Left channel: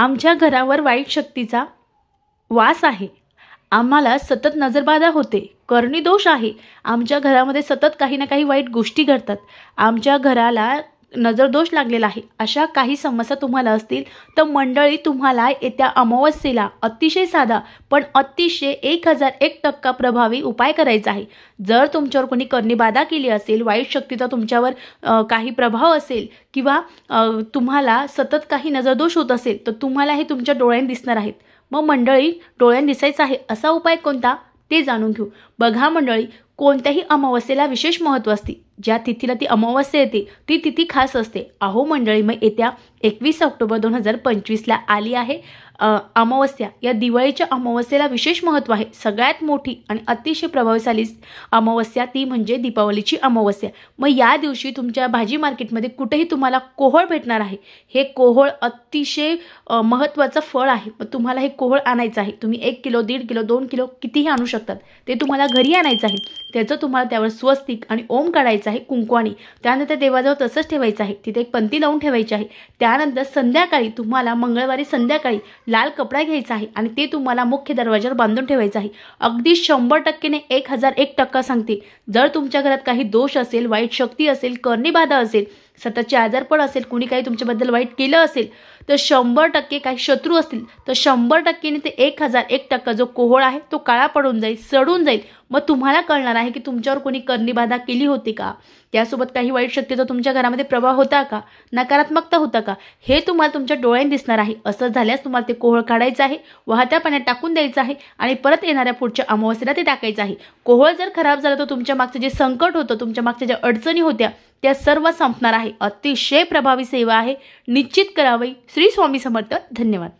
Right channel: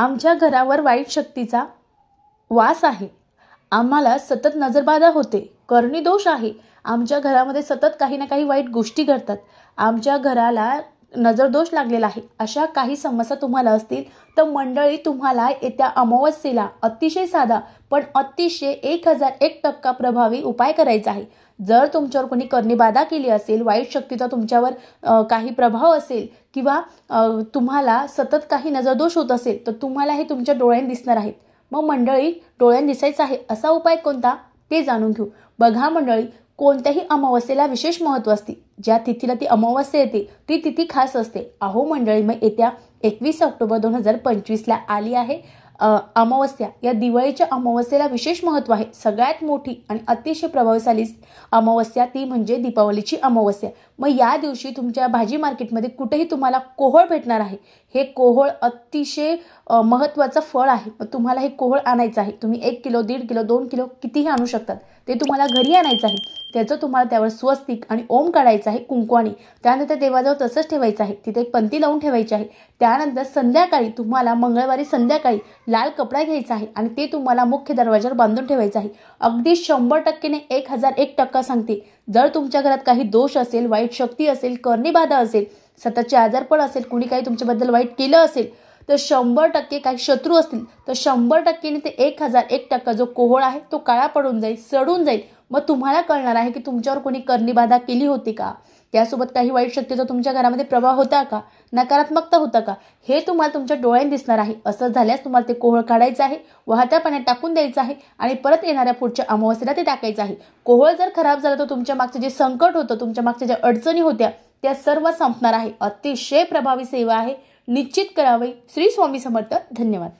आमच्या घरावर वाईट शक्तीचा वास आहे, आम्हाला सतत नजरबाधा होते, करणी दोष आहे, आमच्या घरामध्ये सतत काही ना काही वाईट गोष्टी घडतात, आमच्या घराला नजरदोष लागलेला आहे, अशा काही समस्या तुम्हाला असतील तर मंडळी तुम्हाला येत्या अमावस्येला अतिशय साधा पण अतिशय 1001% प्रभावी उपाय करायचा आहे। जर तुमच्यावर कोणी करणी-बाधा केली असेल, वाईट शक्तीचा तुमच्यावर काही प्रभाव असेल किंवा तुम्हाला सतत काही नजरदोष होत असेल तर तुम्हाला हे तुमच्या डोळ्यांनी दिसणार आहेत। मग मंडळी डोळ्यांनी दिसायचं आहे असा उपाय कोणता ते जाणून घेऊ। बघा मंडळी, कोणत्याही अमावस्येला विशेष महत्त्व असते, ज्या तिथीला ती अमावस्या येते ती तिथी खास असते। अहो मंडळी, मग येत्या 21 ऑक्टोबर 2025ला आली आहे अमावस्या। या दिवाळीच्या अमावस्येला विशेष महत्त्व आहे। सगळ्यात मोठी आणि अतिशय प्रभावशाली अमावस्या ती म्हणजे दीपावलीची अमावस्या। मग या दिवशी तुमच्या भाजी मार्केटमध्ये कुठेही तुम्हाला कोहळ भेटणार आहे। हे कोहळ अतिशय महत्त्वाचं फळ आहे। मग तुम्हाला हे कोहळ आणायचं आहे। तुम्ही 1 किलो, 1.5 किलो, 2 किलो कितीही आणू शकतात। ते तुम्हाला घरी आणायचं आहे। त्याचं तुम्हाला त्यावर स्वस्तिक आणि ओम काढायचं आहे कुंकवानी। त्यानंतर देवाजवळ तसंच ठेवायचं आहे, तिथे एक पंती लावून ठेवायची आहे। त्यानंतर संध्याकाळी तुम्हाला मंगळवारी संध्याकाळी लाल कपडा घ्यायचा आहे आणि ते तुम्हाला मुख्य दरवाजावर बांधून ठेवायचं आहे। अगदी 100%ने 1001% सांगते, जर तुमच्या घरात काही दोष असेल, वाईट शक्ती असेल, करणी-बाधा असेल, सततचे आजारपण असेल, कुणी काही तुमच्याबद्दल वाईट केलं असेल तर 100% काही शत्रू असतील तर 100%ने ते 1001% जो कोहळ आहे तो काळा पडून जाईल, सडून जाईल। मग तुम्हाला कळणार आहे की तुमच्यावर कोणी करणी-बाधा केली होती का, त्यासोबत काही वाईट शक्तीचा तुमच्या घरामध्ये प्रभाव होता का, नकारात्मकता होता का, हे तुम्हाला तुमच्या डोळ्यांनी दिसणार आहे। असं झाल्यास तुम्हाला ते कोहळ काढायचं आहे, वाहत्या पाण्यात टाकून द्यायचं आहे आणि परत येणाऱ्या पुढच्या अमावस्येला ते टाकायचं आहे। कोहळ जर खराब झालं तर तुमच्या मागचं जे संकट होतं, तुमच्या मागच्या ज्या अडचणी होत्या त्या सर्व संपणार आहे। अतिशय प्रभावी सेवा आहे, निश्चित करावी। श्री स्वामी समर्थ। धन्यवाद।